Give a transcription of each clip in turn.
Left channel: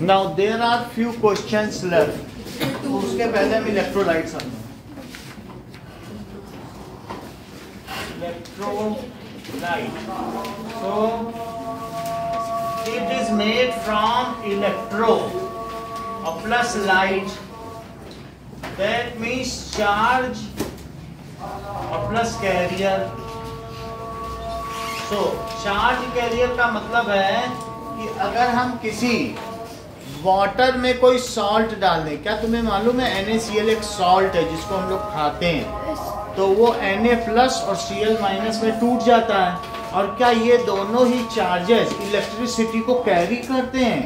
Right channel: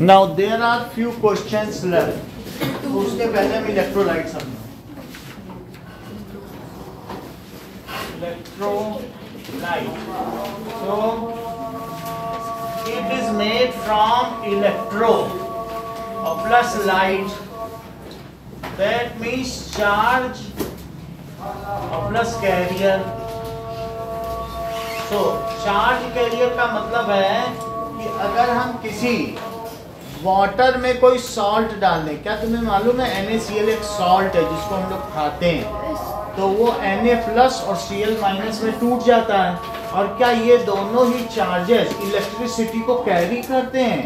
Now there are few questions left, तो उसके पहले हम इलेक्ट्रोलाइट समझो। Electrolyte, so it is made from electro और plus light, that means charge और plus carrier. So charge carrier का मतलब है कि अगर हम किसी वाटर में कोई सॉल्ट डाल दें, क्या तुम्हें मालूम है NaCl एक सॉल्ट है जिसको हम लोग खाते हैं, तो वो Na+ और Cl- में टूट जाता है। और क्या ये दोनों ही चार्जेस इलेक्ट्रिसिटी को कैरी करते हैं?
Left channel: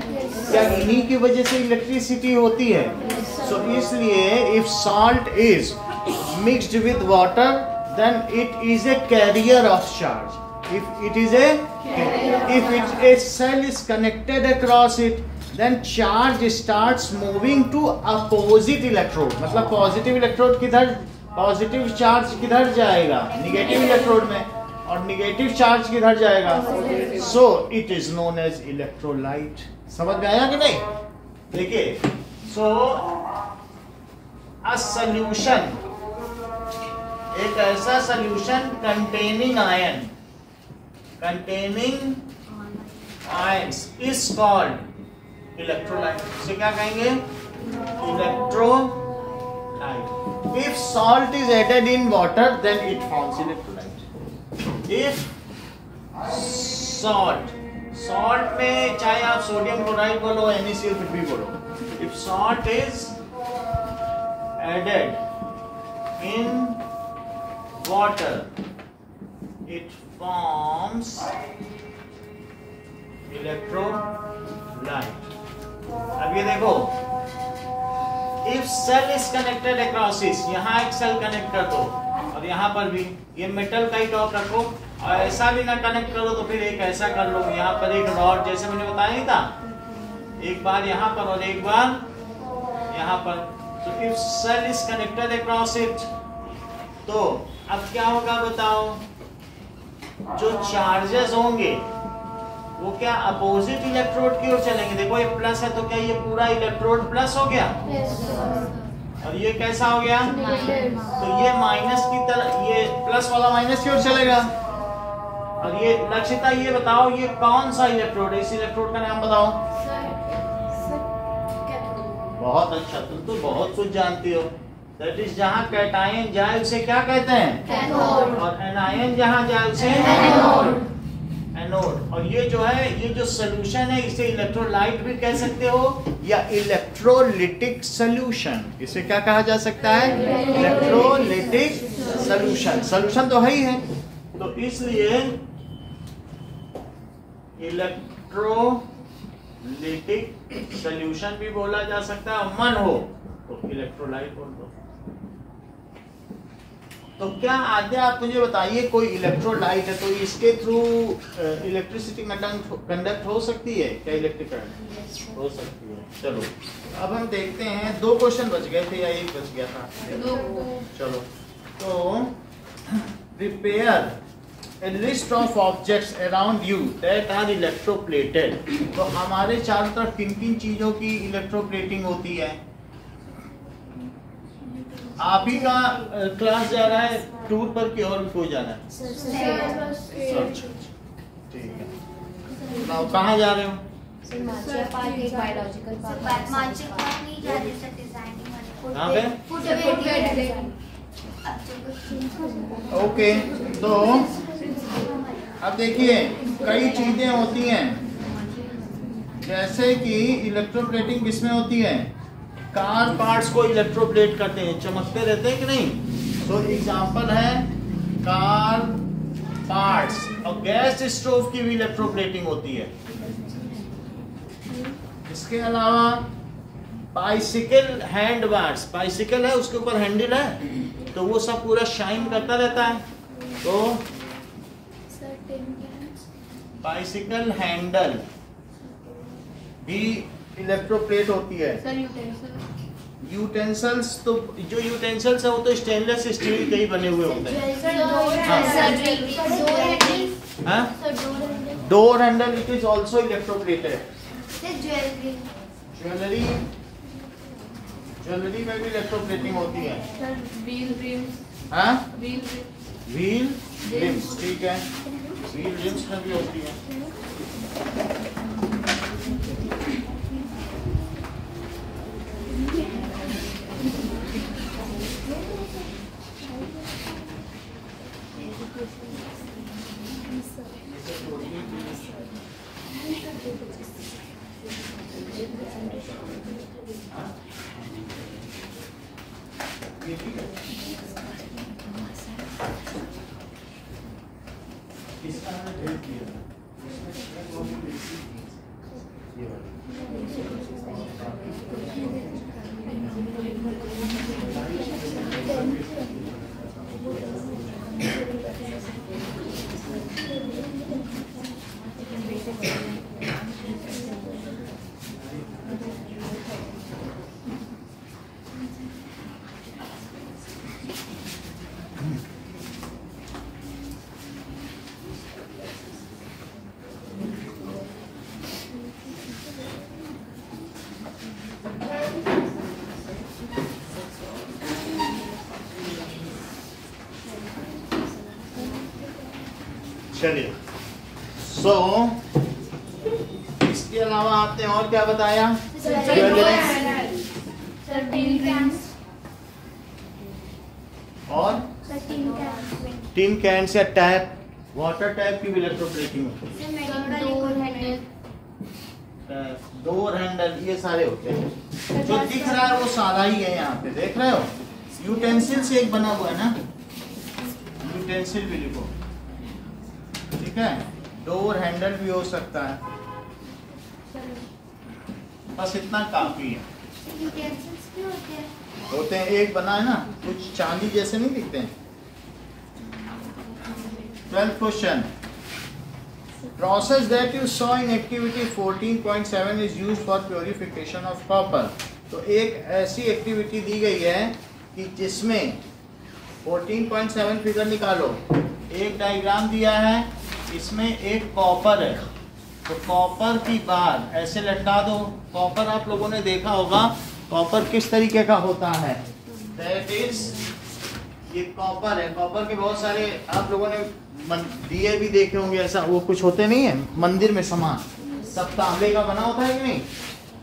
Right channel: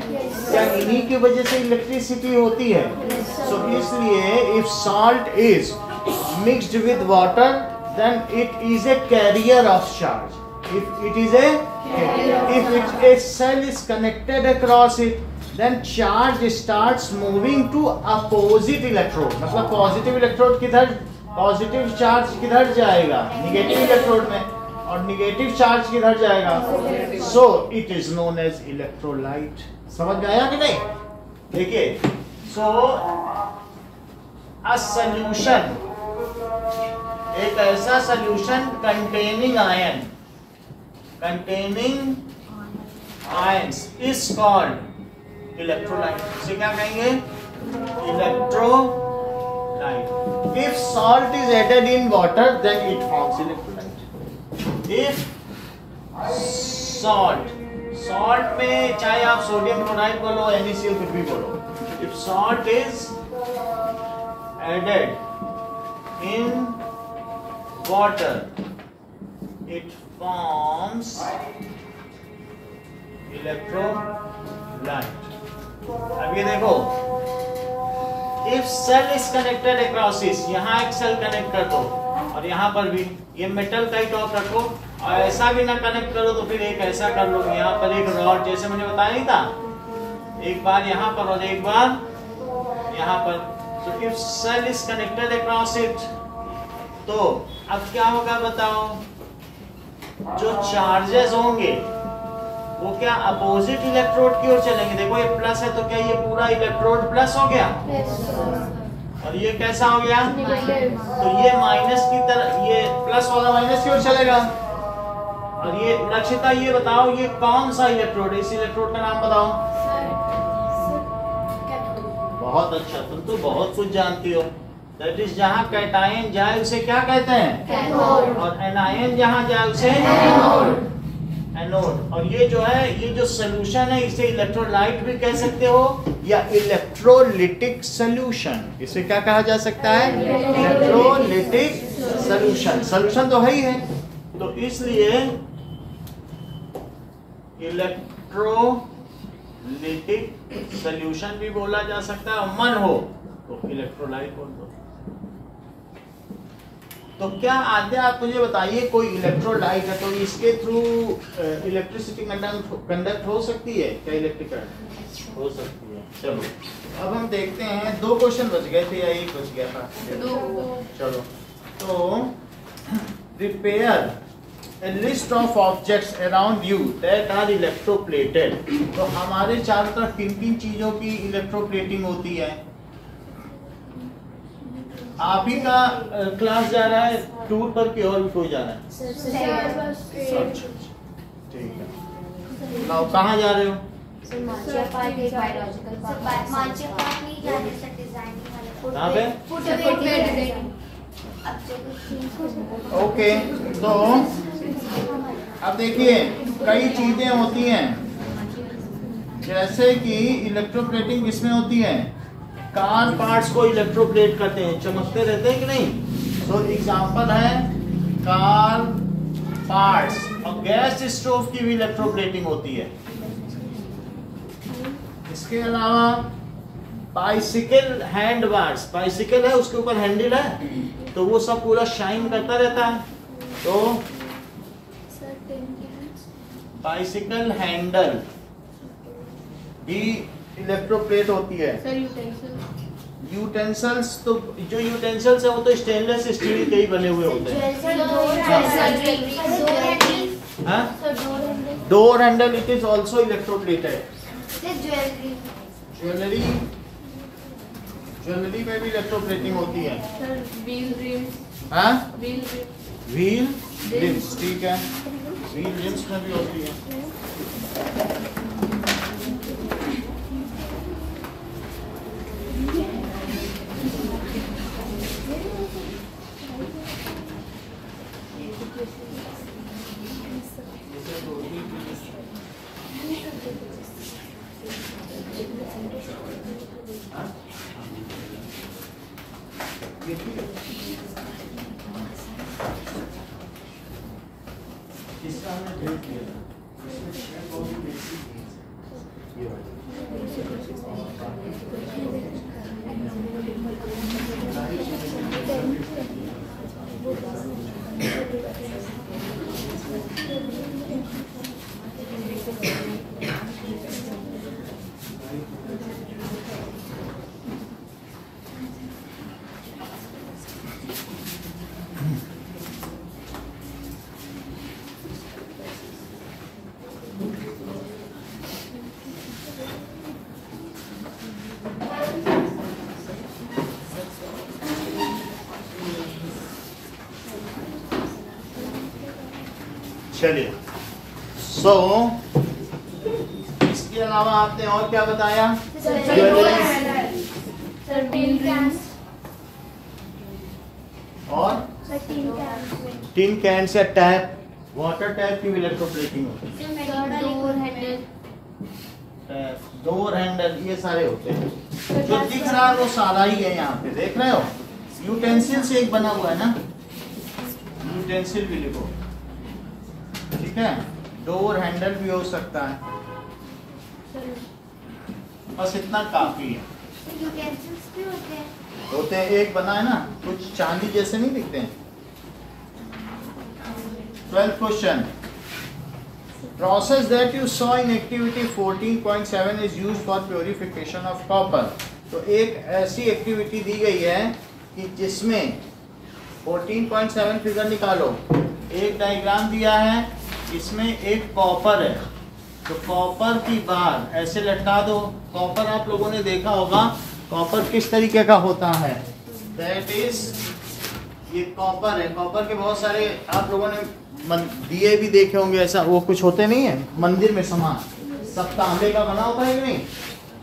क्या इन्हीं की वजह से इलेक्ट्रिसिटी होती है? सो इसलिए if salt is mixed with water then it is a carrier of charge. If it is a cell is connected across it, then charge starts moving to opposite electrode। मतलब positive electrode किधर, positive charge किधर जाएगा? Negative electrode में, और negative charge किधर जाएगा? So it is known as electrolyte. समझ में आया कि नहीं? देखिए, सो अ सॉल्यूशन, एक ऐसा solution containing ion, containing ions is called electrolyte। इसे क्या कहेंगे? Electrolyte। If salt is added in water, then it forms electrolyte। If salt में चाहे आप सोडियम क्लोराइड बोलो, NaCl कुछ भी बोलो, if salt is added in water, it forms electrolyte। अब ये देखो, if cell is connected across this, यहाँ एक सेल कनेक्ट कर दो और यहाँ पर भी ये मेटल का ही टॉप रखो, और ऐसा भी ना कनेक्ट करो तो फिर एक ऐसा कर लो, यहाँ पर एक रॉड जैसे मैंने बताया नहीं था, एक बार यहाँ पर और एक बार यहाँ पर। तो if cell is connected across it, तो अब क्या होगा बताओ? जो चार्जेस होंगे वो क्या अपोजिट इलेक्ट्रोड की ओर चलेंगे। देखो ये प्लस है तो क्या ये पूरा इलेक्ट्रोड प्लस हो गया? और ये कैसा हो गया? तो ये माइनस की तरह, ये प्लस वाला माइनस की ओर चलेगा। और ये लक्षिता ये बताओ, ये कौन सा इलेक्ट्रोड है? इस इलेक्ट्रोड का नाम बताओ। बहुत अच्छा, तुम तो बहुत कुछ जानती हो। दैट इज जहाँ कैटायन जाए उसे क्या कहते हैं? कैथोड। और एनायन जहाँ जाए उसे एनोड। एनोड। और ये जो है, ये जो सोल्यूशन है, इसे इलेक्ट्रोलाइट भी कह सकते हो या इलेक्ट्रोलिटिक सोल्यूशन। इसे क्या कहा जा सकता है? Electrolytic solution. सोल्यूशन तो है ही है, तो इसलिए इलेक्ट्रोलिटिक सोल्यूशन भी बोला जा सकता है। और मन हो तो इलेक्ट्रोलाइट बोल दो। तो क्या आद्य आप मुझे बताइए, कोई इलेक्ट्रोलाइट है तो इसके थ्रू इलेक्ट्रिसिटी कंडक्ट हो सकती है क्या? इलेक्ट्रिक करंट हो सकती है। चलो अब हम देखते हैं, 2 क्वेश्चन बच गए थे या एक बच गया था? चलो, तो prepare a list of objects around you that are electroplated। तो हमारे चारों तरफ किन किन चीजों की इलेक्ट्रोप्लेटिंग होती है? आप ही का क्लास जा रहा है टूर पर कि और कोई जा रहा है? ठीक है। now कहाँ जा रहे हो? यहाँ पे? ओके, तो अब देखिए, कई चीजें होती हैं, जैसे कि इलेक्ट्रोप्लेटिंग किसमें होती है? कार पार्ट्स को इलेक्ट्रोप्लेट करते हैं, चमकते रहते हैं कि नहीं? तो एग्जांपल है कार पार्ट्स। और गैस स्टोव की भी इलेक्ट्रोप्लेटिंग होती है। इसके अलावा बाइसिकल हैंड बार्स, बाइसिकल है उसके ऊपर हैंडल है तो वो सब पूरा शाइन करता रहता है, तो बाइसिकल हैंडल भी इलेक्ट्रोप्लेट होती है। यूटेंसिल्स, तो जो यूटेंसिल्स है वो तो स्टेनलेस स्टील के ही बने हुए होते हैं। Door handle, it is also electroplated. Jewellery में भी इलेक्ट्रोप्लेटिंग होती है। Sir wheel RIMS. हाँ, व्हील रिम्स, ठीक है, व्हील रिम्स में भी होती है। इसका हमने भेज दिया था, इसमें वो भी बेसिक ये वाला। चलिए, इसके अलावा आपने और क्या बताया? ज्वेलरी, सर व्हील रिम्स और tin can say tap, water tap की इलेक्ट्रोप्लेटिंग होती है। डोर हैंडल, ये सारे होते हैं। जो दिख रहा है वो सारा ही है, यहाँ पे देख रहे हो। यूटेंसिल से एक बना हुआ है ना, यूटेंसिल भी लिखो, ठीक है। डोर हैंडल भी हो सकता है, बस इतना काफी है। होते हैं, एक बना है ना, कुछ चांदी जैसे नहीं दिखते हैं। 12th question, process that you saw in activity 14.7 is used for purification of copper. तो एक ऐसी एक्टिविटी दी गई है कि जिसमें 14.7 फिगर निकालो। एक डायग्राम दिया है, इसमें एक कॉपर है, तो कॉपर की बार ऐसे लटका दो। कॉपर आप लोगों ने देखा होगा, कॉपर किस तरीके का होता है, दैट इज, ये कॉपर है। कॉपर के बहुत सारे आप लोगों ने दिए भी देखे होंगे, ऐसा वो कुछ होते नहीं है मंदिर में सामान, सब तांबे का बना होता है कि नहीं।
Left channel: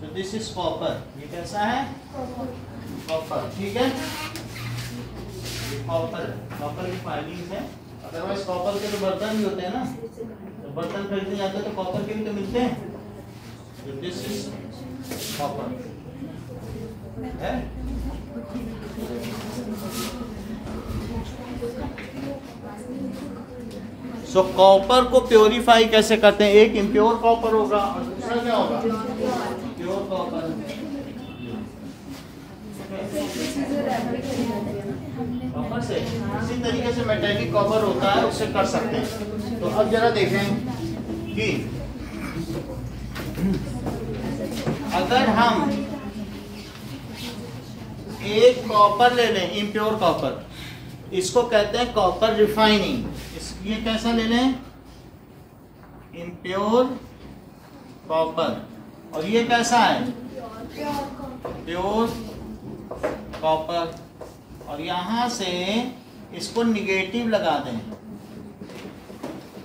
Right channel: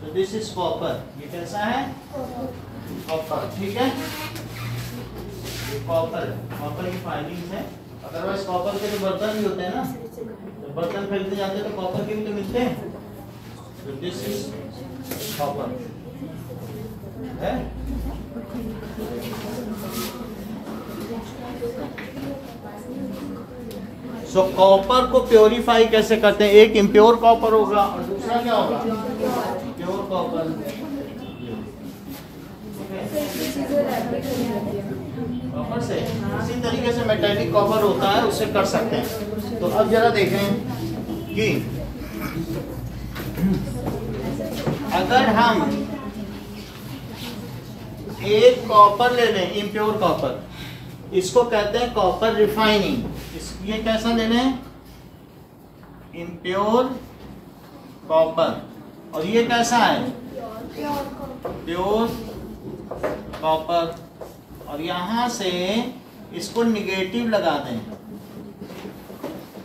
तो दिस इज कॉपर, ये कैसा है, कॉपर, ठीक है। ये कॉपर की फाइलिंग है। अदरवाइज कॉपर के तो बर्तन भी होते हैं ना, तो बर्तन खरीदने जाते हैं तो कॉपर के भी तो मिलते हैं। तो दिस इज कॉपर है। सो कॉपर को प्योरीफाई कैसे करते हैं? एक इम्प्योर कॉपर होगा और दूसरा क्या होगा, प्योर कॉपर। कॉपर से इसी तरीके से मेटेलिक कॉपर होता है, उससे कर सकते हैं। तो अब जरा देखें कि अगर हम एक कॉपर ले लें, इम्प्योर कॉपर, इसको कहते हैं कॉपर रिफाइनिंग। ये कैसा ले लें, इम्प्योर कॉपर, और ये कैसा है, प्योर कॉपर। और यहां से इसको निगेटिव लगा दें।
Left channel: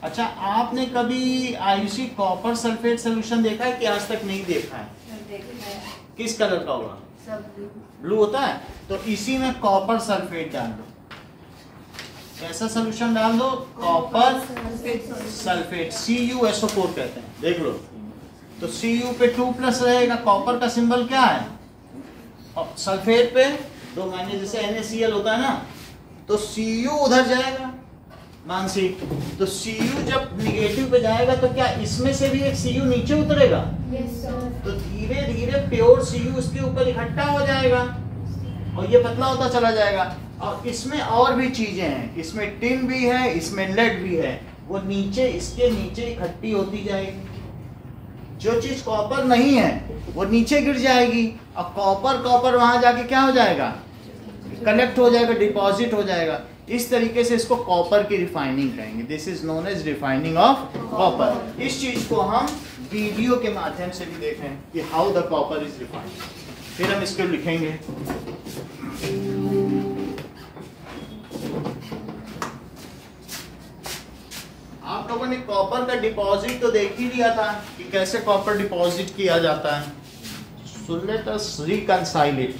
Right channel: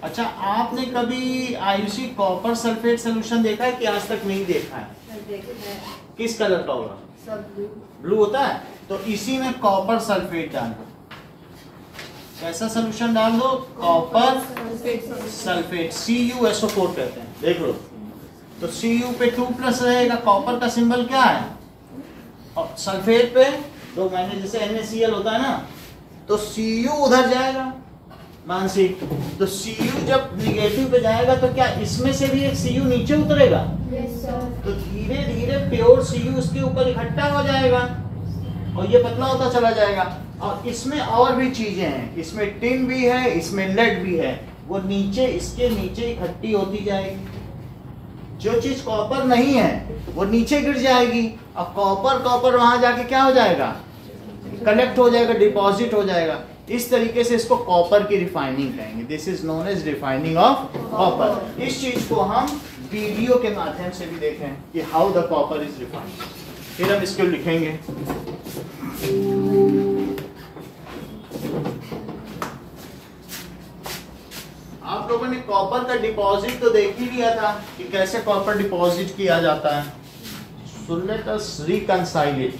अच्छा, आपने कभी आयुषी कॉपर सल्फेट सोल्यूशन देखा है कि आज तक नहीं देखा है? किस कलर का होगा? ब्लू होता है। तो इसी में कॉपर सल्फेट डाल दो, ऐसा सोल्यूशन डाल दो, कॉपर सल्फेट, CuSO4 कहते हैं, देख लो। तो Cu पे 2+ रहेगा, कॉपर का सिंबल क्या है, और सल्फेट पे 2- जैसे NaCl होता है ना, तो Cu उधर जाएगा मानसिक। तो Cu जब निगेटिव पे जाएगा तो क्या इसमें से भी एक Cu नीचे उतरेगा? तो धीरे धीरे प्योर Cu उसके ऊपर इकट्ठा हो जाएगा और ये पतला होता चला जाएगा। और इसमें और भी चीजें हैं, इसमें टिन भी है, इसमें लेड भी है, वो नीचे, इसके नीचे इकट्ठी होती जाएगी। जो चीज कॉपर नहीं है वो नीचे गिर जाएगी, और कॉपर वहां जाके क्या हो जाएगा, कलेक्ट हो जाएगा, डिपॉजिट हो जाएगा। इस तरीके से इसको कॉपर की रिफाइनिंग कहेंगे। This is known as refining of copper. इस चीज को हम वीडियो के माध्यम से भी देखें कि how the copper is refined. फिर हम इसको लिखेंगे। आप लोगों ने कॉपर का डिपॉजिट तो देख ही लिया था कि कैसे कॉपर डिपॉजिट किया जाता है। So let us reconcile it.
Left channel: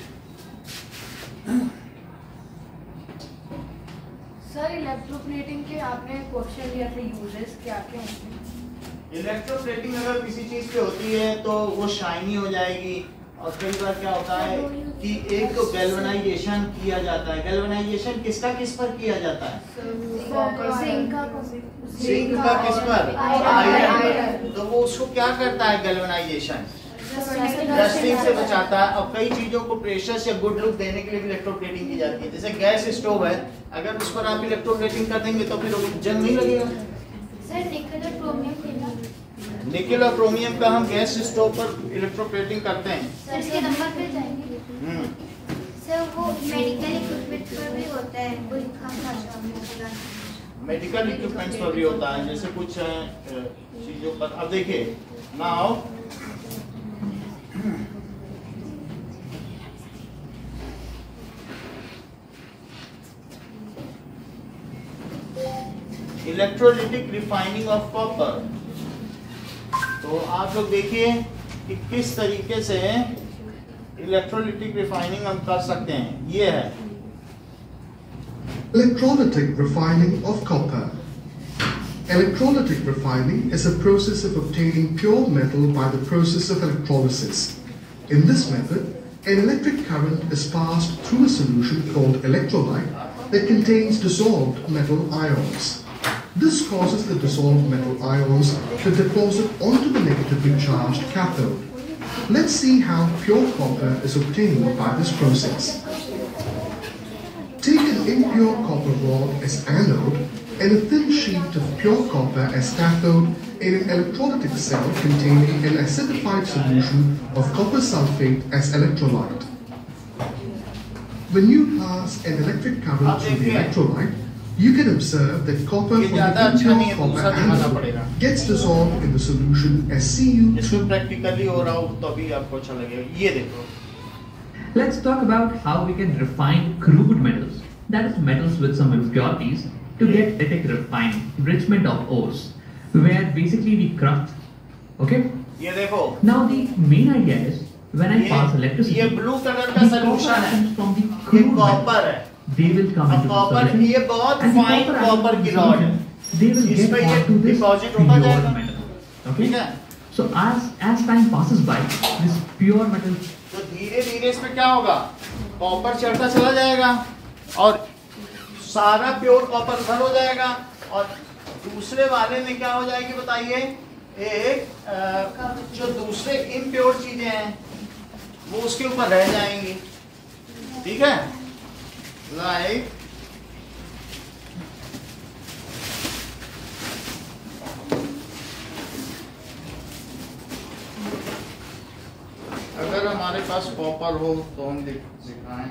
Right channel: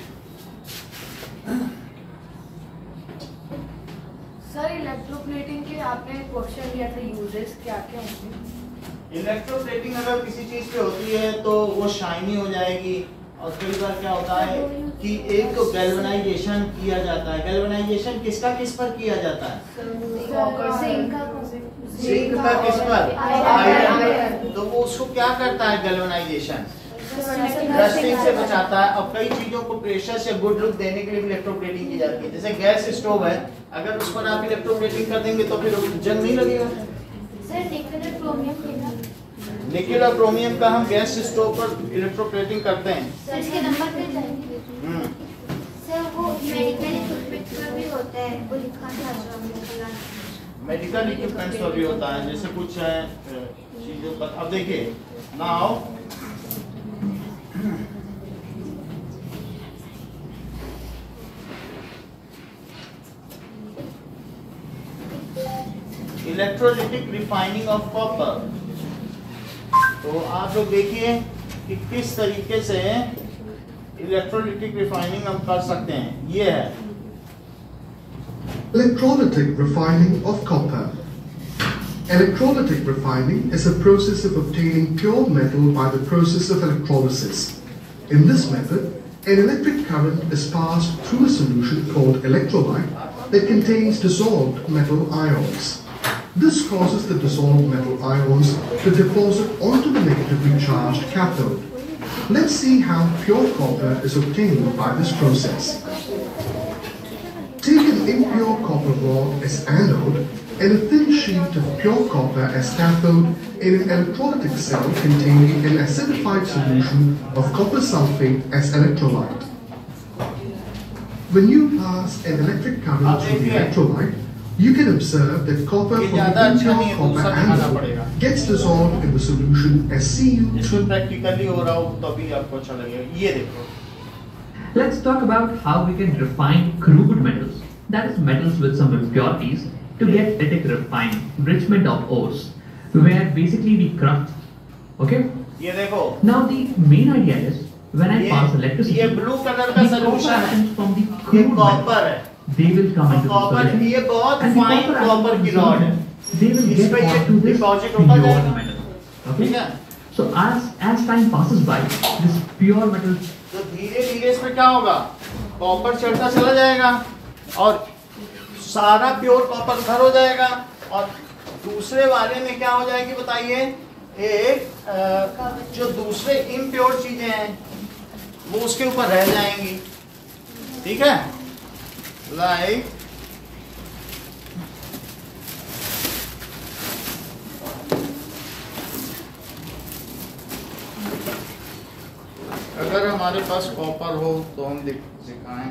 Sir electroplating के आपने क्वेश्चन लिया था, यूजेस क्या क्या होंगे? इलेक्ट्रोप्लेटिंग अगर किसी चीज पे होती है तो वो शाइनी हो जाएगी, और कई बार क्या होता है कि एक तो गैल्वेनाइजेशन किया जाता है। गैल्वेनाइजेशन किसका किस पर किया जाता है? जिंक का किस पर? आयरन। तो वो उसको क्या करता है गैल्वेनाइजेशन? रस्टिंग से बचाता है। अब कई चीजों को प्रेशर से गुड लुक देने के लिए भी इलेक्ट्रोप्लेटिंग की जाती है। जैसे गैस स्टोव है, अगर उस पर आप इलेक्ट्रोप्लेटिंग कर देंगे तो फिर जंग नहीं लगेगा। सर निकल और क्रोमियम निकल और क्रोमियम का हम गैस स्टोव पर इलेक्ट्रोप्लेटिंग करते हैं। सर इसके नंबर पे जाएंगे। सर वो मेडिकल इक्विपमेंट पर भी होता है, वो लिखा था। मेडिकल इक्विपमेंट्स पर भी होता है, जैसे कुछ चीजों पर। अब देखिए now electrolytic refining of copper. तो आप लोग देखिए कि किस तरीके से इलेक्ट्रोलिटिक रिफाइनिंग हम कर सकते हैं। ये है electrolytic refining of copper. Electrolytic refining is a process of obtaining pure metal by the process of electrolysis. In this method, an electric current is passed through a solution called electrolyte that contains dissolved metal ions. This causes the dissolved metal ions to deposit onto the negatively charged cathode. Let's see how pure copper is obtained by this process. Take an impure copper rod as anode and a thin sheet of pure copper as cathode in an electrolytic cell containing an acidified solution of copper sulfate as electrolyte. When you pass an electric current through the electrolyte, you can observe that copper from the impure copper anode gets dissolved in the solution as Cu2. इसमें practically हो रहा हो तभी आपको अच्छा लगेगा। ये देखो। Let's talk about how we can refine crude metals, that is metals with some impurities, to get electric refining, enrichment of ores, where basically we crush. Okay? ये देखो। Now the main idea is when I pass electricity, ये blue colour का solution है, from the ये crude copper metal, है। they will come into the copper solution. ये बहुत and the fine copper copper atom की रॉड है। they will इस get पे ये onto this डिपॉजिट pure होता जाएगा। metal. ठीक Okay? है? So as time passes by, this pure metal तो धीरे धीरे इसमें क्या होगा? कॉपर चढ़ता चला जाएगा और सारा प्योर कॉपर भर हो जाएगा, और दूसरे वाले में क्या हो जाएगी बताइए? एक जो दूसरे इम्प्योर चीजें हैं वो उसके ऊपर रह जाएंगी। ठीक है? लाइक अगर हमारे पास कॉपर हो तो हम दिखाएं।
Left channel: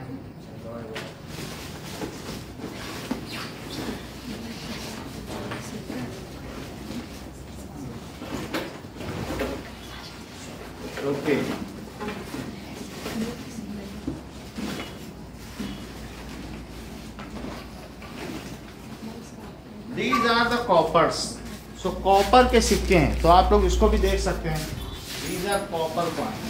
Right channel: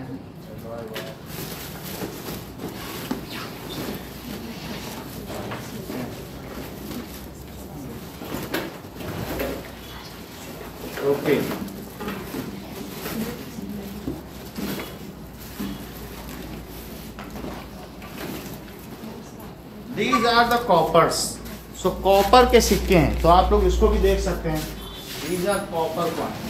Okay, these are the coppers. So copper के सिक्के हैं, तो आप लोग इसको भी देख सकते हैं। These are copper coin.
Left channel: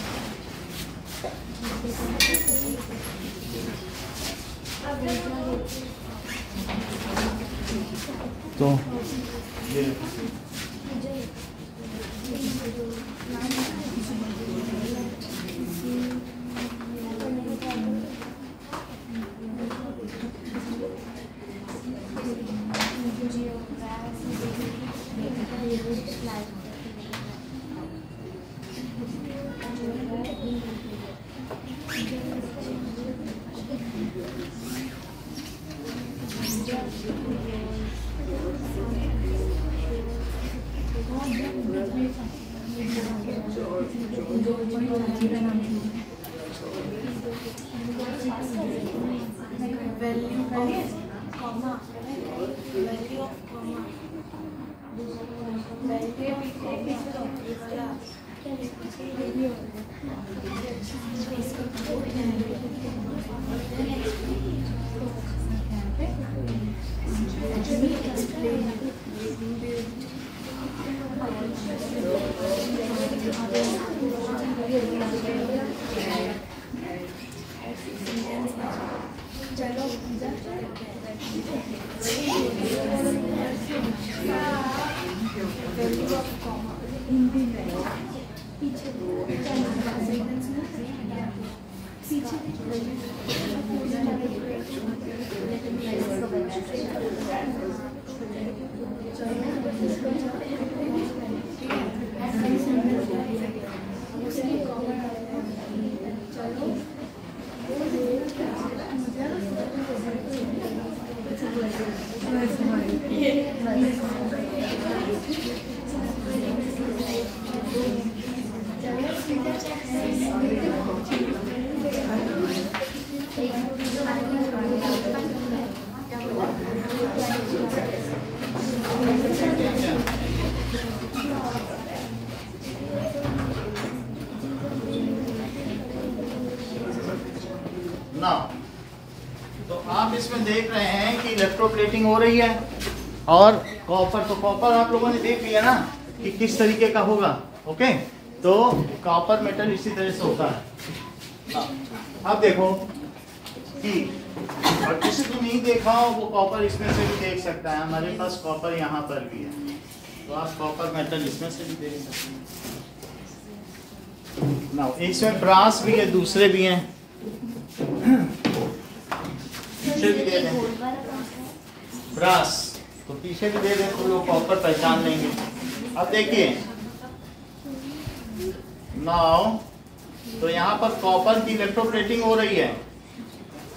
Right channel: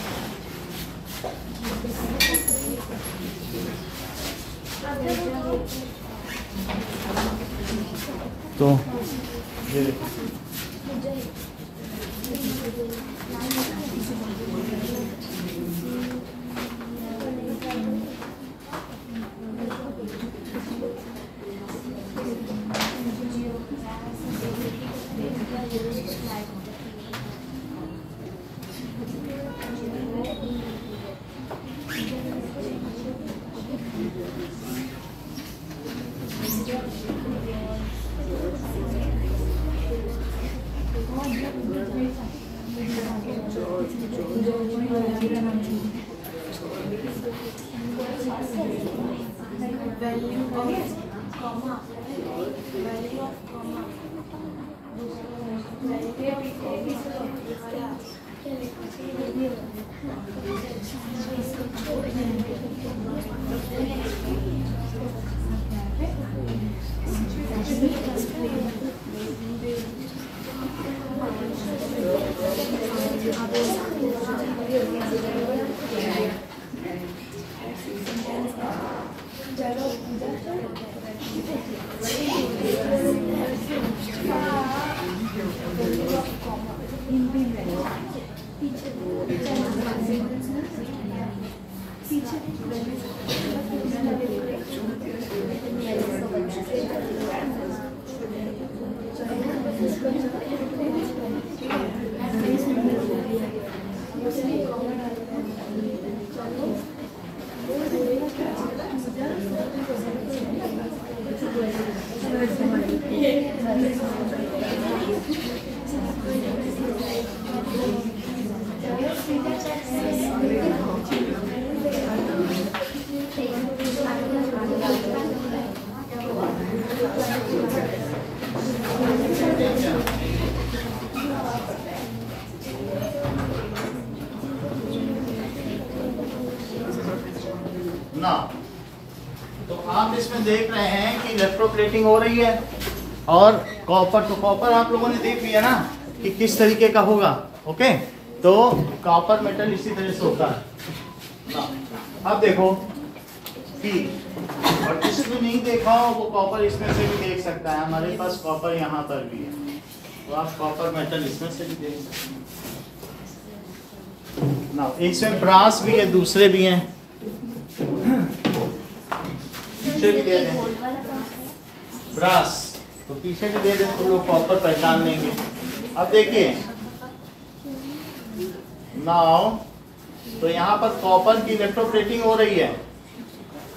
तो ये ना तो आप इसमें देख रहे हैं कि इलेक्ट्रोप्लेटिंग हो रही है और कॉपर, तो कॉपर आप लोगों ने देख लिया ना कि किस तरीके का होगा। ओके, तो कॉपर मेटल इसी तरह से होता है। अब देखो कि और किसी ने नहीं देखा हो वो कॉपर इसमें से भी देख सकता है। हमारे पास कॉपर यहाँ पर भी है, तो आप कॉपर मेटल इसमें से भी देख सकते हैं ना। इसमें ब्रास भी है, दूसरे भी हैं, पीछे भी दे दें ब्रास, तो पीछे भी दे दें तो लोग कॉपर पहचान लेंगे। अब देखिए नाउ, तो यहाँ पर कॉपर की इलेक्ट्रोप्लेटिंग हो रही है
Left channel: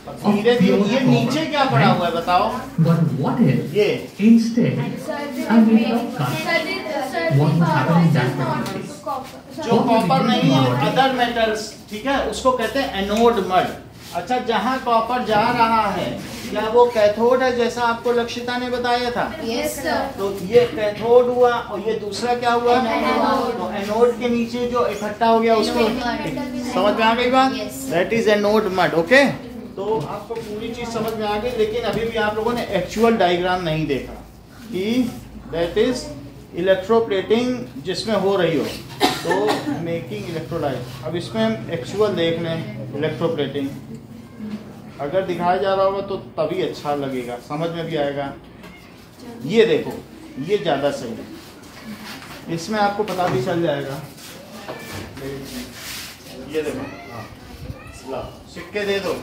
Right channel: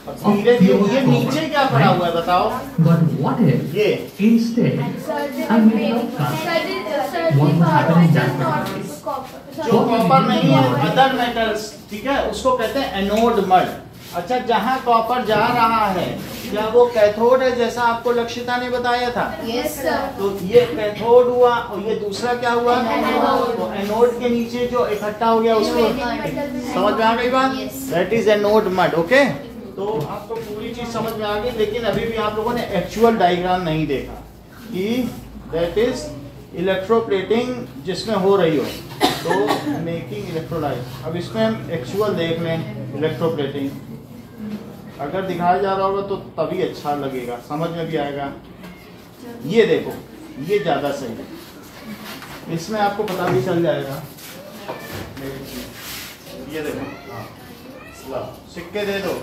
और धीरे धीरे ये नीचे क्या पड़ा हुआ है बताओ? But what if ये instead I will not cast what will happen in that moment? जो कॉपर नहीं है, अदर मेटल्स, ठीक है, उसको कहते हैं एनोड मड। अच्छा, जहाँ कॉपर जा रहा है क्या वो कैथोड है जैसा आपको लक्षिता ने बताया था? Yes sir. तो ये कैथोड हुआ और ये दूसरा क्या हुआ? तो एनोड के नीचे जो इकट्ठा हो गया उसको समझ में आ गई बात? That is anode mud. Okay, तो आपको पूरी चीज समझ में आ गई, लेकिन अभी भी आप लोगों ने एक्चुअल डायग्राम नहीं देखा कि दैट इज इलेक्ट्रोप्लेटिंग जिसमें हो रही हो, तो मेकिंग इलेक्ट्रोलाइट। अब इसमें हम एक्चुअल देख लें इलेक्ट्रोप्लेटिंग, अगर दिखाया जा रहा होगा तो तभी अच्छा लगेगा, समझ में भी आएगा। ये देखो, ये ज्यादा सही है, इसमें आपको पता भी चल जाएगा। ये देखो, हाँ, ला सिक्के दे दो।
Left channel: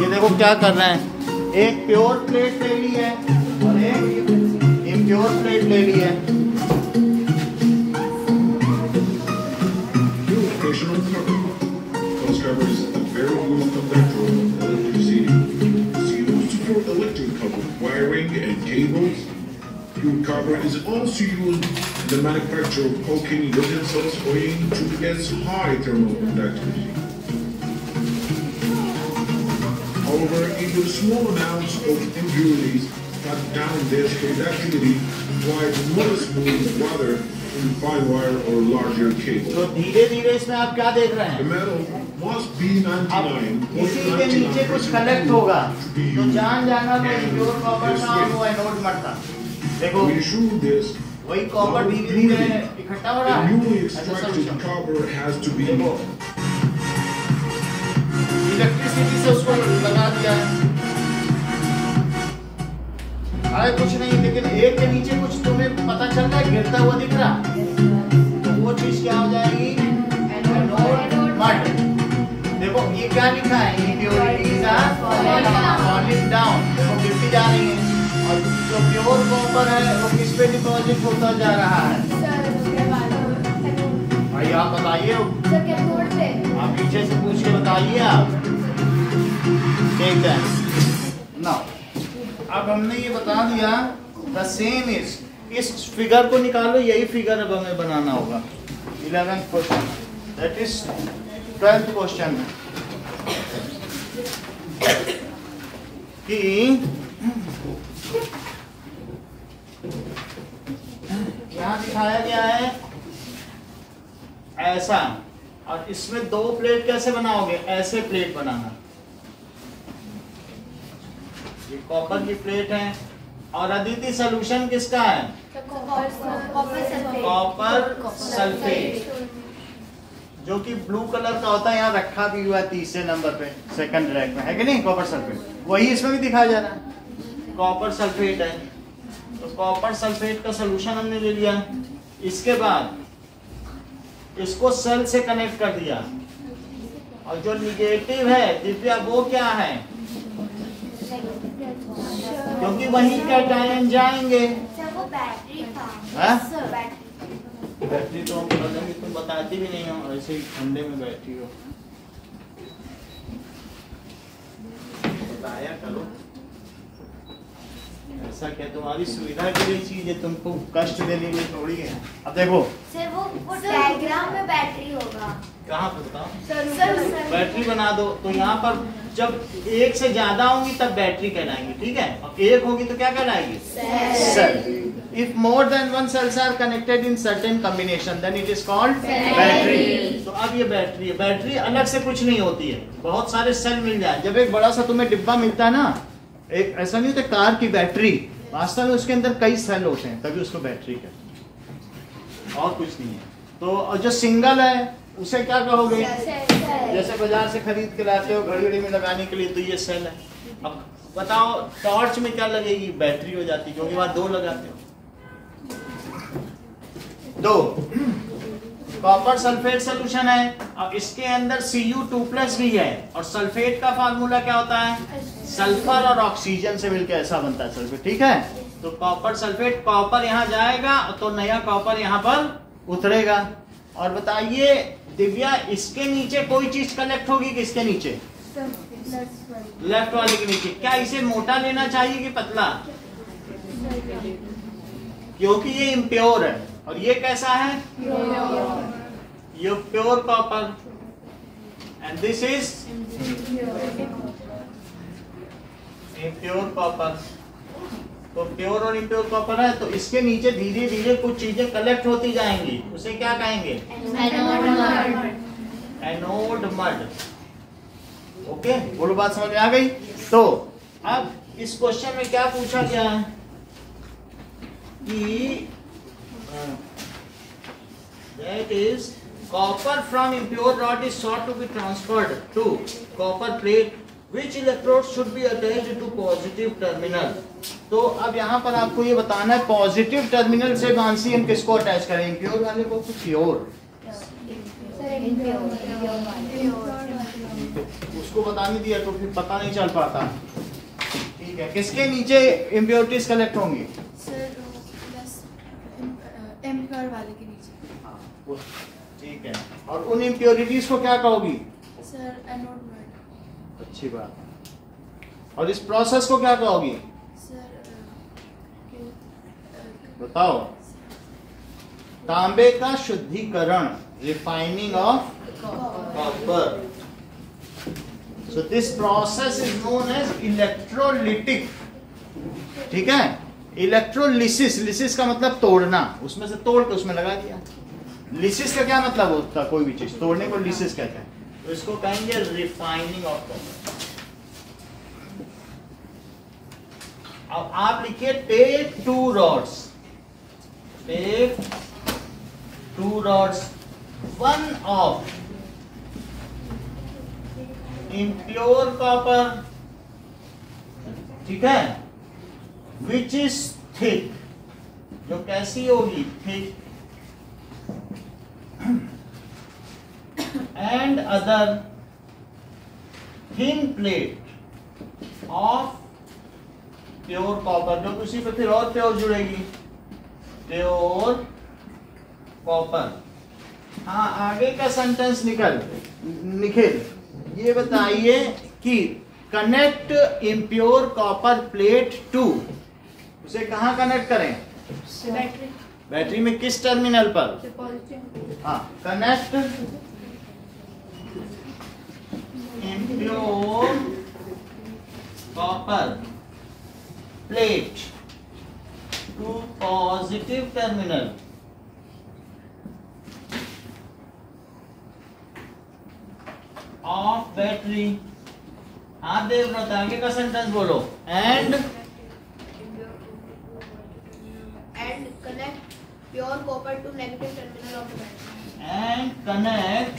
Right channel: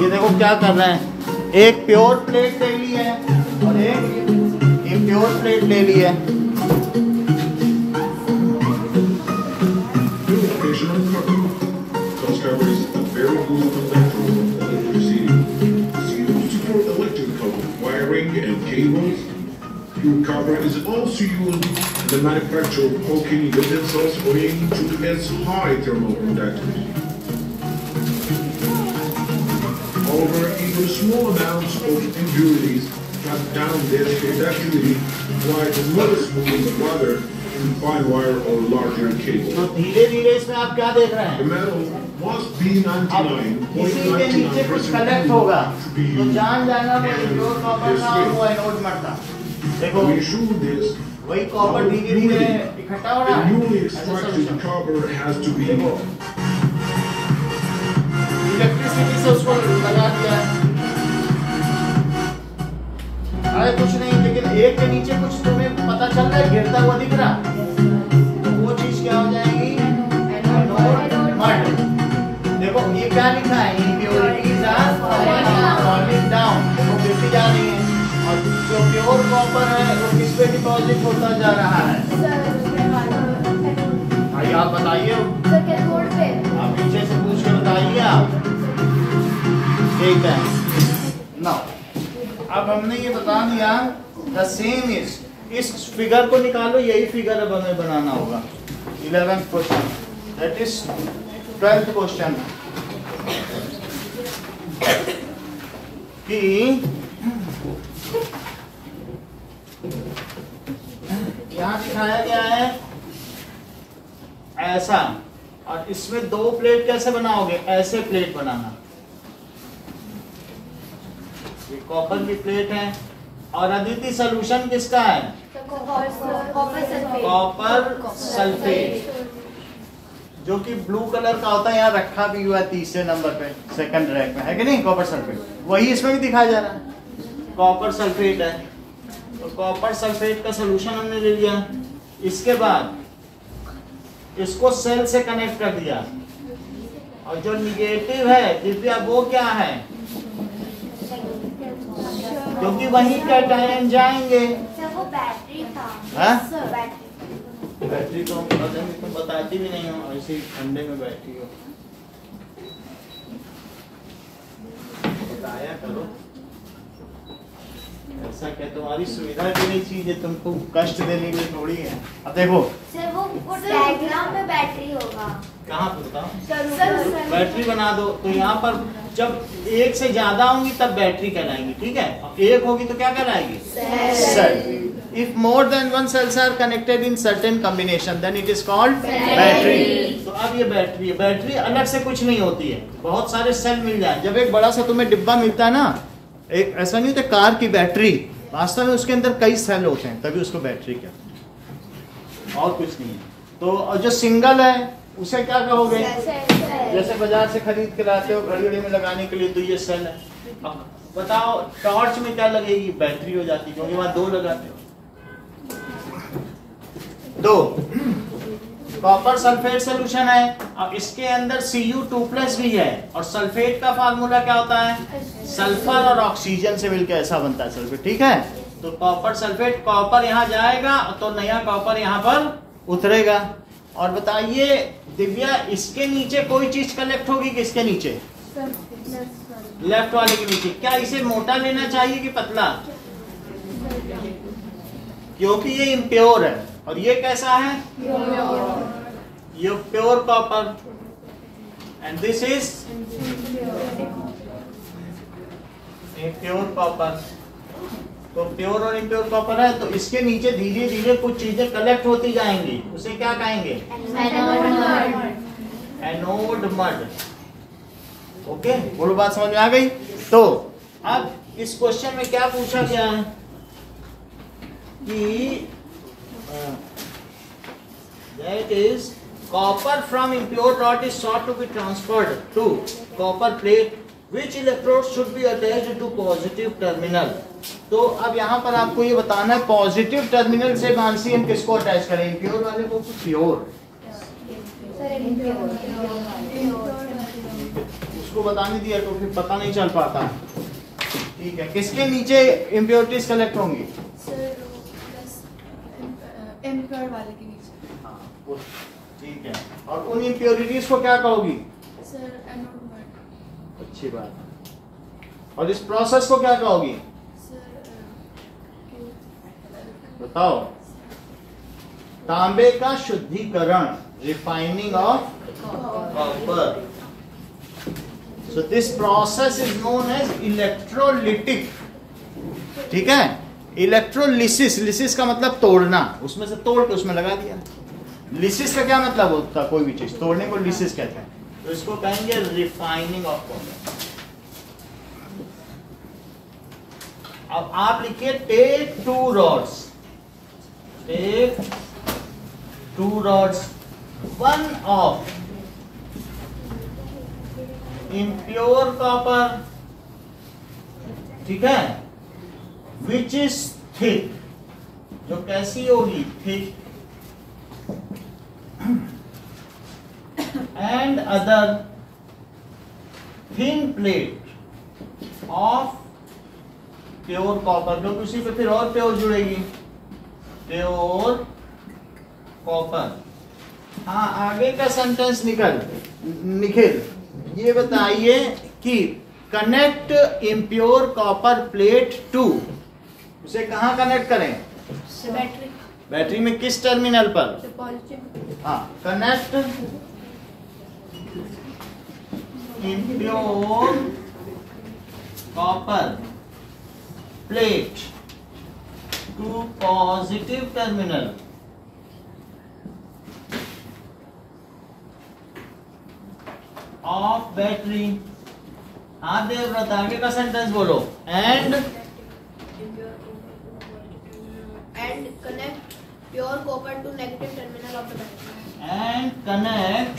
ये देखो क्या करना है, एक प्योर प्लेट ले ली है और एक प्योर प्लेट ले ली है। Pure copper is also used in the manufacture of coking utensils owing to its high thermal conductivity. However, even small amounts of impurities cut down this conductivity quite noticeably farther in fine wire or larger cables. तो धीरे धीरे इसमें आप क्या देख रहे The हैं? metal must be अब इसी के नीचे कुछ कलेक्ट होगा, तो जान जाना कोई प्योर कॉपर ना और वो एनोड मड था। देखो We ensure this. वही कॉपर धीरे धीरे इकट्ठा हो रहा The है। newly ऐसा extracted solution। copper has to be देखो इलेक्ट्रिसिटी से उसको लगा दिया है, अरे कुछ नहीं, लेकिन एक के नीचे कुछ तुम्हें पता चल रहा है गिरता हुआ दिख रहा, तो वो चीज क्या हो जाएगी? Anode mud. देखो ये क्या लिखा है? इम्प्योरिटीज आर फॉलिंग डाउन, वो गिरती जा रही है, और जो प्योर कॉपर है वो किस पे डिपॉजिट होता जा रहा है? भाई आप बताइए, आप पीछे से पूछ के बताइए आप। ठीक है ना, अब हमने ये बता दिया द सेम इज, इस फिगर को निकालो, यही फिगर अब हमें बनाना होगा। 11th question, that is 12th question. कि यहां दिखाया गया है ऐसा, और इसमें दो प्लेट कैसे बनाओगे, ऐसे प्लेट बनाना। ये कॉपर की प्लेट है, और अदिति सोल्यूशन किसका है, कॉपर सल्फेट, जो कि ब्लू कलर का होता है, यहाँ रखा भी हुआ है तीसरे नंबर पे, सेकंड रैक में, है कि नहीं, कॉपर सल्फेट, वही इसमें भी दिखाया जा रहा है, कॉपर सल्फेट है। तो कॉपर सल्फेट का सोल्यूशन हमने ले लिया, इसके बाद इसको सेल से कनेक्ट कर दिया, और जो निगेटिव है दिव्या वो क्या है, क्योंकि वही कैटायन जाएंगे। वो बैटरी था। हाँ? बैटरी। बैटरी तो हम बताती भी नहीं हो, ऐसे ही ठंडे में बैठी हो, बताया करो। ऐसा क्या तुम्हारी सुविधा के लिए चीज है, तुमको कष्ट देने के लिए थोड़ी है। अब देखो सर वो डायग्राम में बैटरी होगा। कहाँ पे बताओ, सर बैटरी बना दो, तो यहाँ पर जब एक से ज्यादा होंगी तब बैटरी कहलाएंगी, ठीक है, और एक होगी तो क्या कहलाएगी, cell. If more than one cells are connected in certain combination, then it is called battery. तो अब ये बैटरी है, बैटरी अलग से कुछ नहीं होती है, बहुत सारे सेल मिल जाए। जब एक बड़ा सा तुम्हें डिब्बा मिलता है ना, एक ऐसा नहीं होता कार की बैटरी, वास्तव में उसके अंदर कई सेल होते हैं, तभी उसको बैटरी कहते हैं, और कुछ नहीं है। तो और जो सिंगल है उसे क्या कहोगे, जैसे बाजार से खरीद के लाते हो घड़ी घड़ी में लगाने के लिए, तो ये सेल है। अब बताओ टॉर्च में क्या लगेगी, बैटरी हो जाती है, क्योंकि वहां दो लगाते हो। दो कॉपर सल्फेट सोल्यूशन है, अब इसके अंदर Cu2+ भी है, और सल्फेट का फार्मूला क्या होता है, सल्फर और ऑक्सीजन से मिलकर ऐसा बनता है सल्फेट, ठीक है। तो कॉपर सल्फेट, कॉपर यहाँ जाएगा तो नया कॉपर यहाँ पर उतरेगा। और बताइए दिव्या, इसके नीचे कोई चीज कलेक्ट होगी, किसके नीचे, लेफ्ट वाले के नीचे। क्या इसे मोटा लेना चाहिए कि पतला, क्योंकि ये इम्प्योर है, और ये कैसा है, ये pure copper, and this is impure copper. तो प्योर और इम्प्योर कॉपर है, तो इसके नीचे धीरे धीरे कुछ चीजें कलेक्ट होती जाएंगी, उसे क्या कहेंगे, एनोड मड। ओके, बोलो बात समझ में आ गई। तो अब इस क्वेश्चन में क्या पूछा गया है कि that is copper from impure rod is sought to be transferred to copper plate, which electrode should be attached to positive terminal। तो अब यहाँ पर आपको ये बताना है पॉजिटिव टर्मिनल से मानसी हम किसको अटैच करें, इम्प्योर वाले को कि प्योर, उसको बताने दिया तो फिर पता नहीं चल पाता, ठीक है। किसके नीचे इम्प्योरिटीज कलेक्ट होंगी, इम्प्योर वाले के नीचे, ठीक है। और उन इम्प्योरिटीज को क्या कहोगी, सर एनोड मड। अच्छी बात। और इस प्रोसेस को क्या कहोगी, बताओ, तांबे का शुद्धिकरण, refining of copper. So this process is known as electrolytic, ठीक है। इलेक्ट्रोलिसिस, लिसिस का मतलब तोड़ना, उसमें से तोड़ के उसमें लगा दिया। लिसिस का क्या मतलब होता है, कोई भी चीज तोड़ने को लिसिस कहते हैं, तो इसको कहेंगे रिफाइनिंग ऑफ कॉपर। अब आप लिखिए take 2 rods, take 2 rods, one of impure copper, ठीक है, which is thick, जो कैसी होगी, thick, and other thin plate of pure copper, जो उसी पे फिर और प्योर जुड़ेगी, प्योर कॉपर। हाँ, आगे का सेंटेंस निखिल ये बताइए कि connect impure copper plate to, उसे कहाँ कनेक्ट करें, बैटरी, बैटरी में किस टर्मिनल पर, पॉजिटिव। हाँ, connect impure copper plate to positive terminal of battery. हाँ देवव्रत आगे का सेंटेंस बोलो. And connect pure copper to negative terminal of the battery. And connect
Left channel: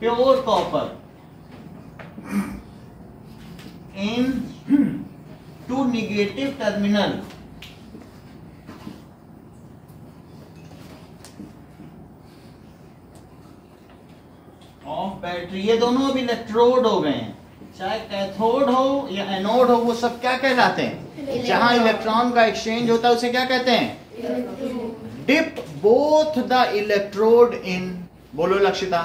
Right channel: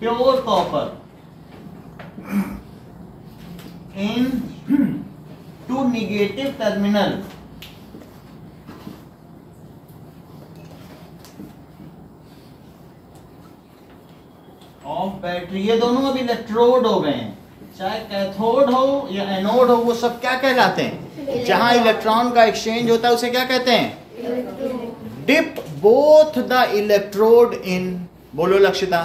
pure copper in to negative terminal of battery. ये दोनों अब electrode हो गए हैं, चाहे कैथोड हो या एनोड हो, वो सब क्या कहलाते हैं? जहां इलेक्ट्रॉन का एक्सचेंज होता है उसे क्या कहते हैं? Dip both the electrode in. बोलो लक्षिता.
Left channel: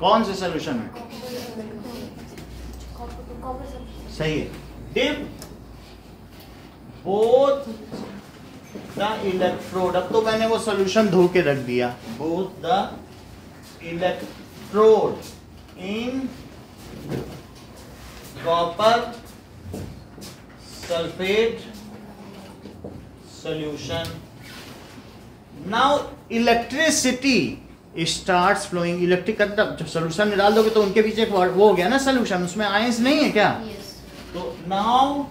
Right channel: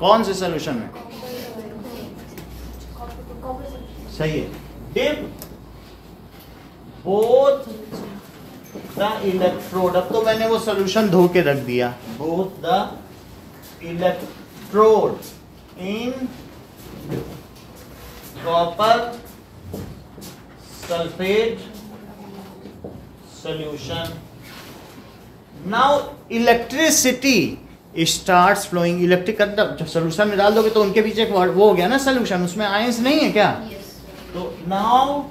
कौन से सोल्यूशन में? सही है. Dip both the electrode. अब तो मैंने वो सोल्यूशन धो के रख दिया. Both the electrode in copper sulphate solution. Now electricity starts flowing. Electric जब सोल्यूशन में डाल दोगे तो उनके पीछे एक वो हो गया ना सोल्यूशन, उसमें आयंस नहीं है क्या? तो now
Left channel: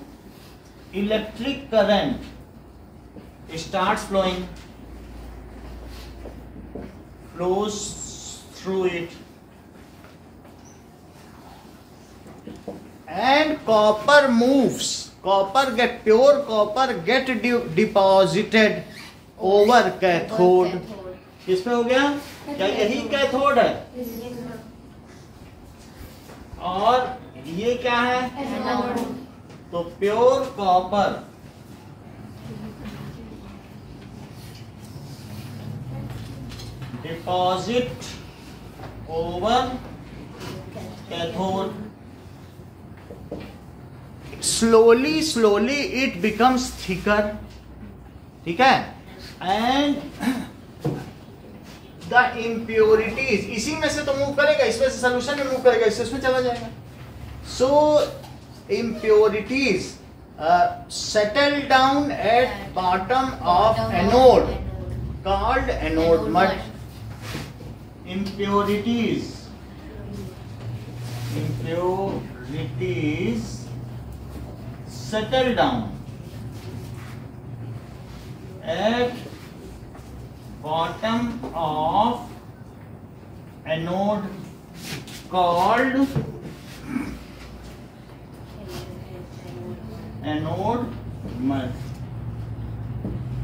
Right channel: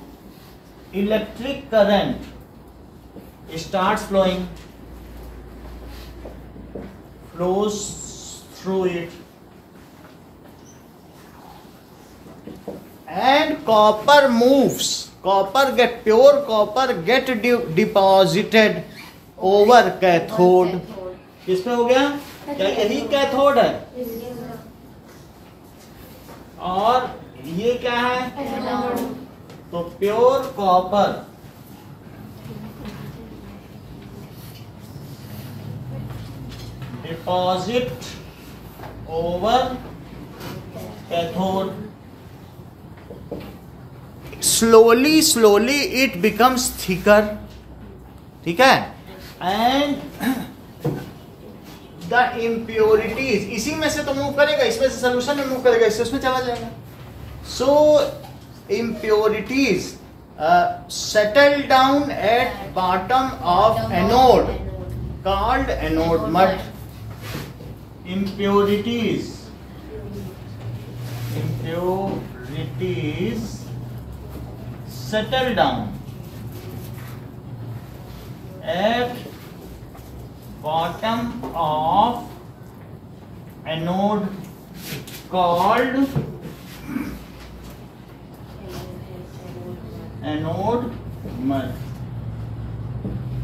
electric current starts flowing, flows through it, and copper moves. Pure copper get deposited over cathode. किस पे हो गया? क्या यही कैथोड है? और ये क्या है? तो pure copper deposit over cathode. Slowly it becomes thicker. ठीक है? And the impurities, इसी में से तो मूव करेगा, इसमें से सोल्यूशन में मूव करेगा, इसमें चला जाएगा. So impurities settle down at bottom of anode called anode mud. Impurities settle down at bottom of anode called anode mud.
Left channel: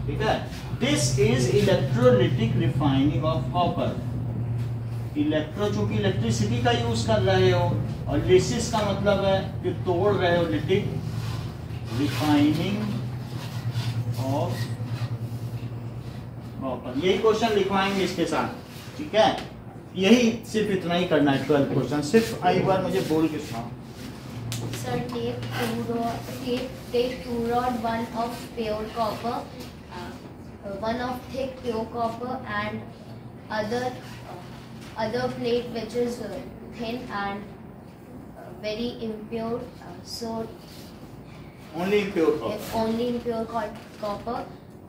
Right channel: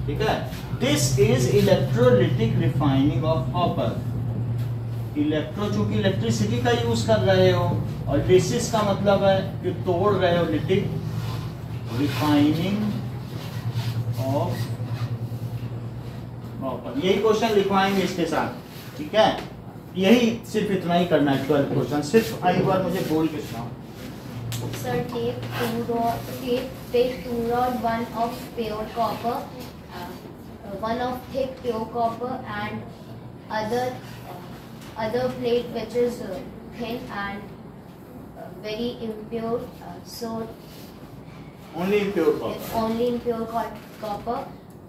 ठीक है? This is electrolytic refining of copper. Electro चूंकि इलेक्ट्रिसिटी का use कर रहे हो, और लिसिस का मतलब है कि तोड़ रहे हो, लिटिक रिफाइनिंग ऑफ कॉपर. यही क्वेश्चन लिखवाएंगे इसके साथ. ठीक है? यही सिर्फ इतना ही करना है. 12 क्वेश्चन सिर्फ एक बार मुझे बोल के सुनाओ. Sir, take two rod, one of pure copper, one of thick pure copper, and other plate which is thin and very impure. So only impure copper. Only impure copper.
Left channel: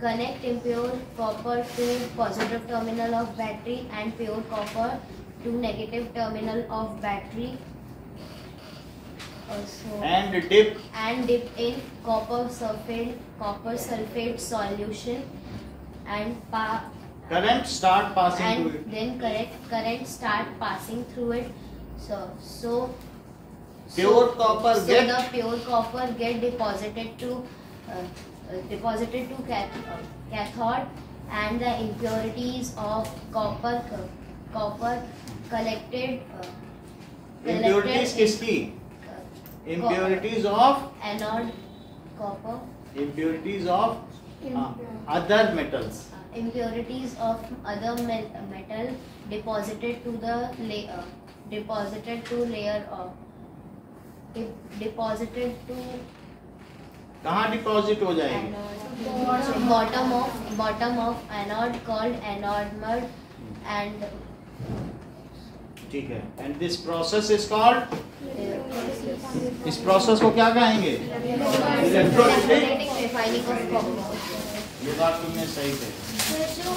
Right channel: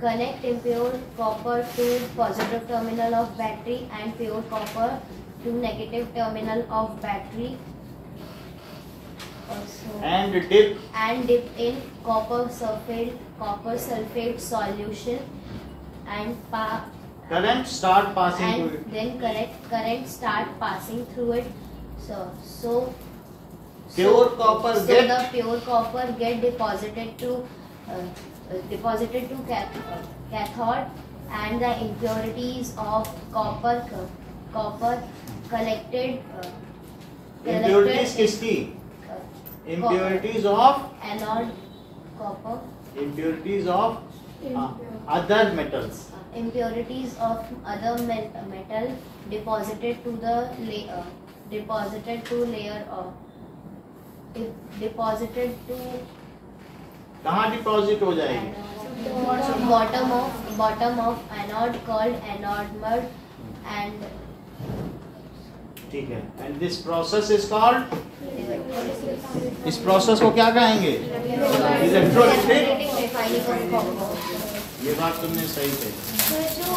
Connect impure copper to positive terminal of battery and pure copper to negative terminal of battery. Also, and dip in copper sulfate solution and current start passing and through it. Then current start passing through it. So pure copper get the pure copper get deposited to cathode, and the impurities of copper collected. Impurities किसकी? Impurities of anode copper. Impurities of other metals. Impurities of other metal deposited to the layer. Deposited to कहाँ deposit हो जाएगी? bottom of anode called anode mud, and ठीक है, and this process is called, इस process को क्या कहेंगे? Electrolytic refining of copper. ये बात तुमने सही कही। जो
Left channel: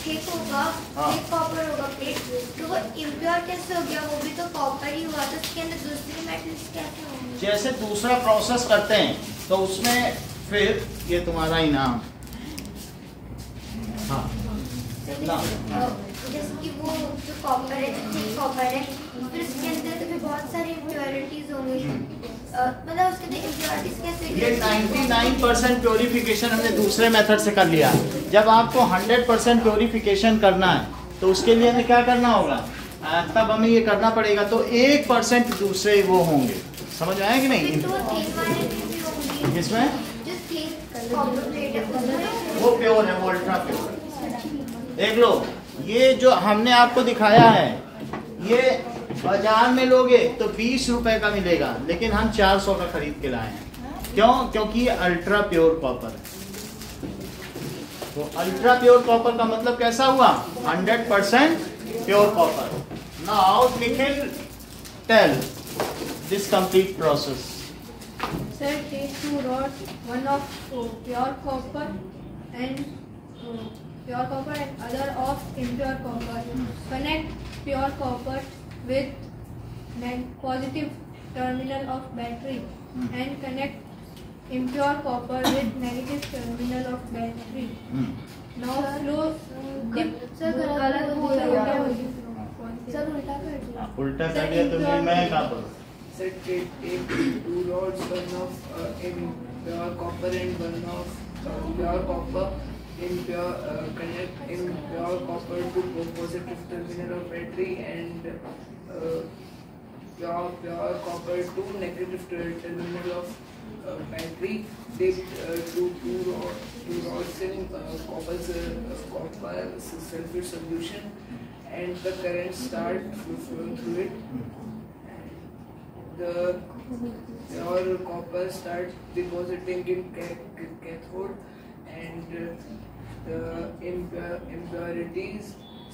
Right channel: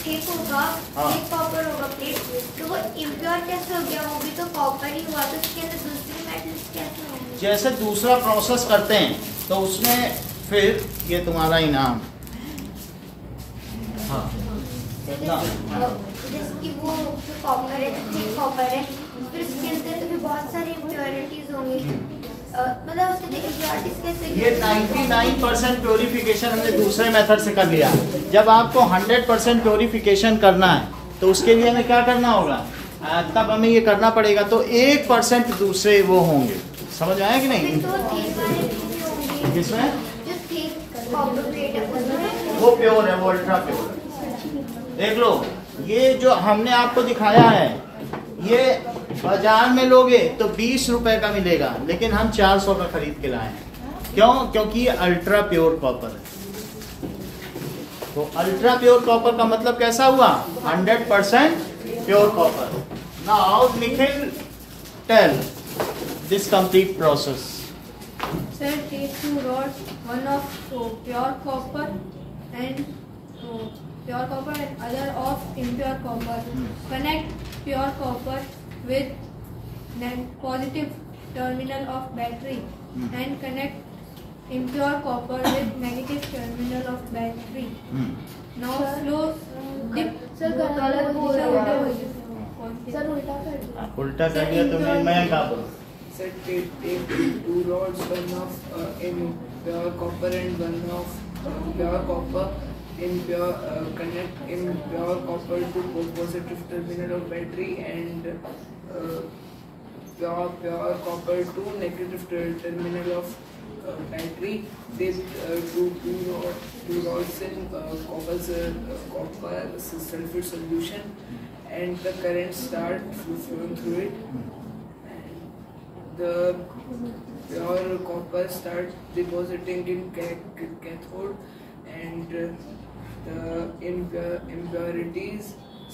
थिक होगा, थिक कॉपर होगा प्लेट, तो वो इम्प्योर कैसे हो गया? वो भी तो कॉपर ही हुआ, तो उसके अंदर दूसरे मेटल्स कैसे होंगे? जैसे दूसरा प्रोसेस करते हैं तो उसमें फिर ये तुम्हारा इनाम, हाँ जैसे कि वो जो कॉपर है, थिक कॉपर है, फिर उसके अंदर तो फिर बहुत सारी इम्प्योरिटीज होंगी, मतलब उसके अंदर इम्प्योरिटीज कैसे? ये 99% प्योरिफिकेशन हमने दूसरे मेथड से कर लिया। जब आपको 100% प्योरिफिकेशन करना है तो उसके लिए हमें क्या करना होगा? तब हमें ये करना पड़ेगा, तो 1% दूसरे वो होंगे। समझ आया कि नहीं? तो थिक वाले भी होंगे, किसमें? जो थिक कॉपर प्लेट है उसमें वो प्योर है, वो अल्ट्रा प्योर है। देख लो, ये जो हमने आपको दिखाया है, ये बाजार में लोगे तो 20 रुपए का मिलेगा, लेकिन हम 400 का खरीद के लाए हैं। क्यों? क्योंकि ये अल्ट्रा प्योर कॉपर है। तो अल्ट्रा प्योर कॉपर का मतलब कैसा हुआ? 100% pure copper. Now Nikhil tell this complete process. Sir, take two rods, one of pure copper and other of impure copper. Connect pure copper with positive terminal of battery and connect impure copper with negative terminal of battery. Now flow dip. Sir, गलत हो रहा है। Sir, उल्टा कर दिया। उल्टा कर दिया तुमने, मैं क्या करूं? Set take two rods, one of impure copper and one of pure copper. Connect impure copper to positive terminal of battery and pure copper to negative terminal of battery. Dip two rods in copper sulfate solution, and the current start flowing through it. The pure copper start depositing in cathode, and the impurities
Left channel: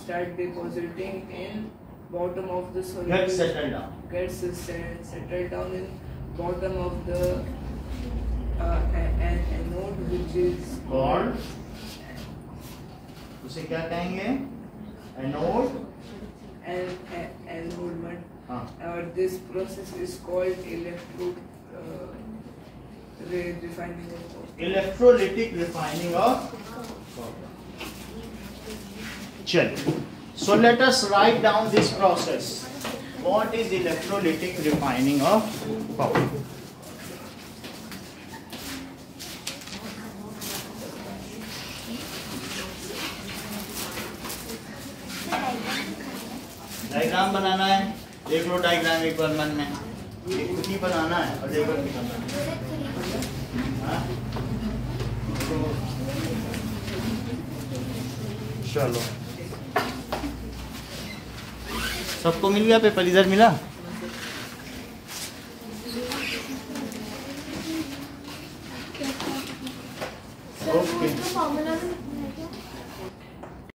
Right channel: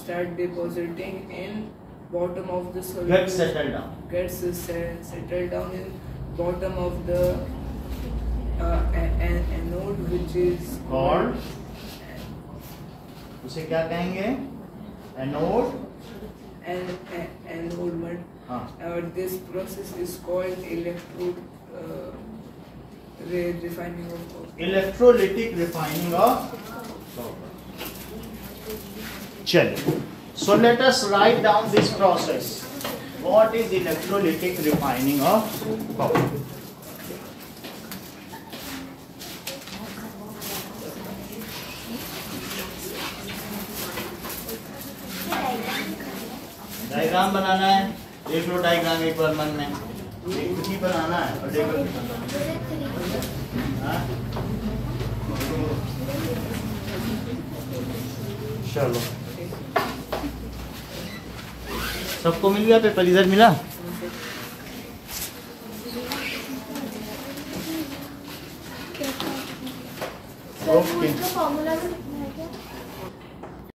start depositing in bottom of the solution. Gets settled down. Gets settled down in bottom of the anode, which is called, उसे क्या कहेंगे? Anode. anode. This process is called refining of copper. Electrolytic refining of copper. चलिए, so let us write down this process. What is electrolytic refining of copper? Diagram बनाना है, देख लो diagram एक बार मन में, एक कुछ ही बनाना है और लेकर हाँ? चलो, सबको मिल गया पेपर? इधर मिला? ओके। फॉर्मूला में